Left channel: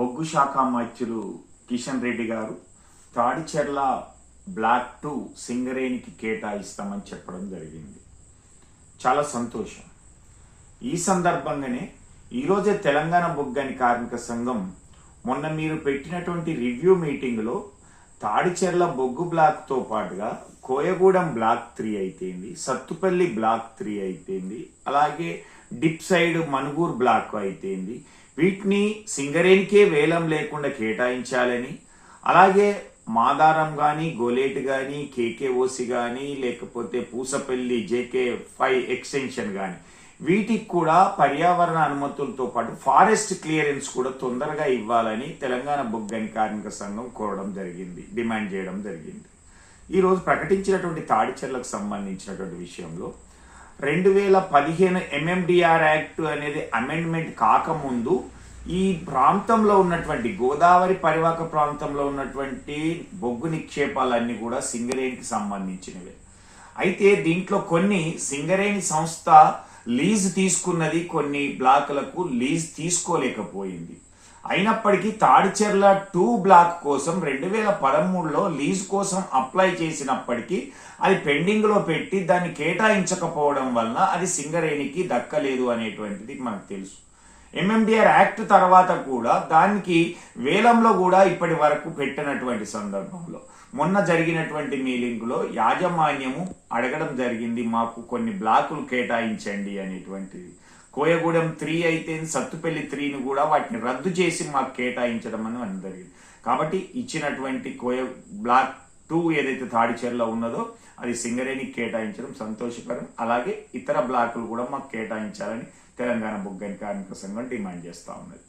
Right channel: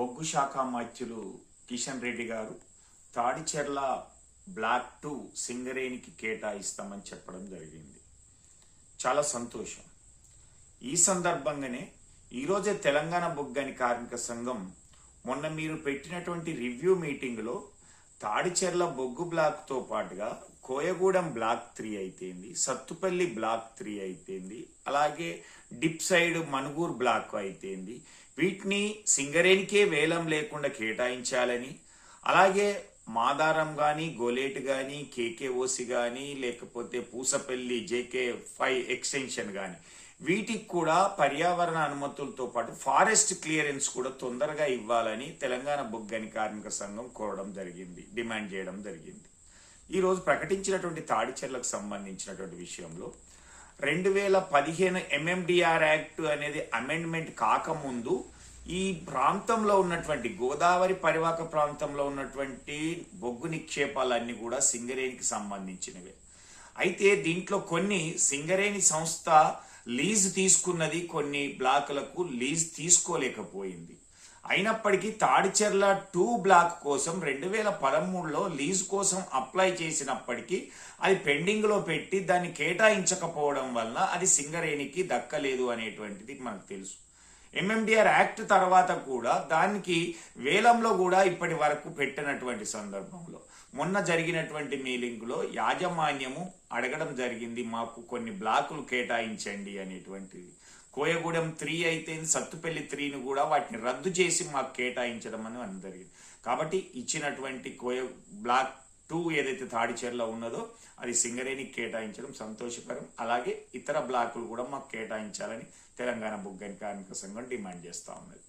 బొగ్గు శాఖ మంత్రులు కిషన్ రెడ్డి గారు తాడిచెర్ల బ్లాక్ 2 సింగరేణికి కేటాయిస్తామని చెప్పడం జరిగింది. చాలా సంతోషం. ఈ సందర్భంగానే ఈరోజే తెలంగాణ బొగ్గని కార్మిక సంఘం మొన్న మీరు పెట్టినటువంటి రివ్యూ మీటింగ్లో తాడిచెర్ల బొగ్గు బ్లాక్తో పాటుగా కోయగూడెం బ్లాక్ 3 అయితేంది, సత్తుపల్లి బ్లాక్ 3 అయితేంది, అలాగే డిప్ సైడ్ మనుగూరు బ్లాక్ అయితేంది, వీటిని సింగరేణికే వేలం లేకుండా కేటాయించాలని, అలాగే మాదారం కానీ, గోలేట్ కానీ, కేకేఓసి కానీ, లేకపోతే పూసపల్లి JK5 ఎక్స్టెన్షన్ కానీ వీటికి కూడా పర్యావరణ అనుమతులతో పాటు ఫారెస్ట్ క్లియరెన్స్ కూడా తొందరగా ఇవ్వాలని తెలంగాణ బొగ్గని కార్మిక సంఘం కోరడం జరిగింది, డిమాండ్ చేయడం జరిగింది. ఈరోజు ప్రకటించినటువంటి తాడిచెర్లకు సంబంధించినటువంటి విషయంలో 2015 MMDR యాక్ట్ అనేది అమెండ్మెంట్ కాకముందు ఈ ప్రాంతంలో ఉన్నటువంటి గోదావరి పరివాహక ప్రాంతంలో ఉన్నటువంటి బొగ్గు నిక్షేపాలన్నీ కూడా సింగరేణికి సంబంధించినవే. అయితే దీంట్లో కొన్ని సింగరేణి సంస్థ లీజ్ తీసుకున్నది, కొన్ని బ్లాకులకు లీజ్ తీసుకోలేకపోయింది. అయినప్పటికీ తాడిచెర్ల 2 బ్లాక్ కోసం 2013లో లీజ్ కోసం అప్లై చేసినప్పటికీ అది పెండింగ్ లో పెట్టి దాన్ని కేటాయించకపోవడం వలన అది సింగరేణికి దక్కలేదు అనేటువంటిది మనకు తెలుసు. MMDR యాక్ట్ తర్వాత కూడా దానికి వేలంలో కూడా ఇప్పటి వరకు పెట్టినటువంటి సందర్భంలో మొన్న జరిగినటువంటి మీటింగ్లో యాజమాన్యము అడగడం జరిగింది, మాకు కొన్ని బ్లాకులు కేటాయించండి అనేటువంటిది. కోయగూడెం 3 అయితే సత్తుపల్లి 3ని కూడా వాటిని రద్దు చేసి మాకు కేటాయించడం అని జరిగింది. కాబట్టి ఇచ్చినటువంటి బ్లాక్ 2 ఏదైతే తాడిచెర్ల ఉన్నదో అది సింగరేణికి కేటాయించడం సంతోషకరం. అలాగే ఇతర బ్లాకులు కూడా మాకు కేటాయించాలని తెలంగాణ బొగ్గని కార్మిక సంఘం డిమాండ్ చేస్తా ఉన్నది.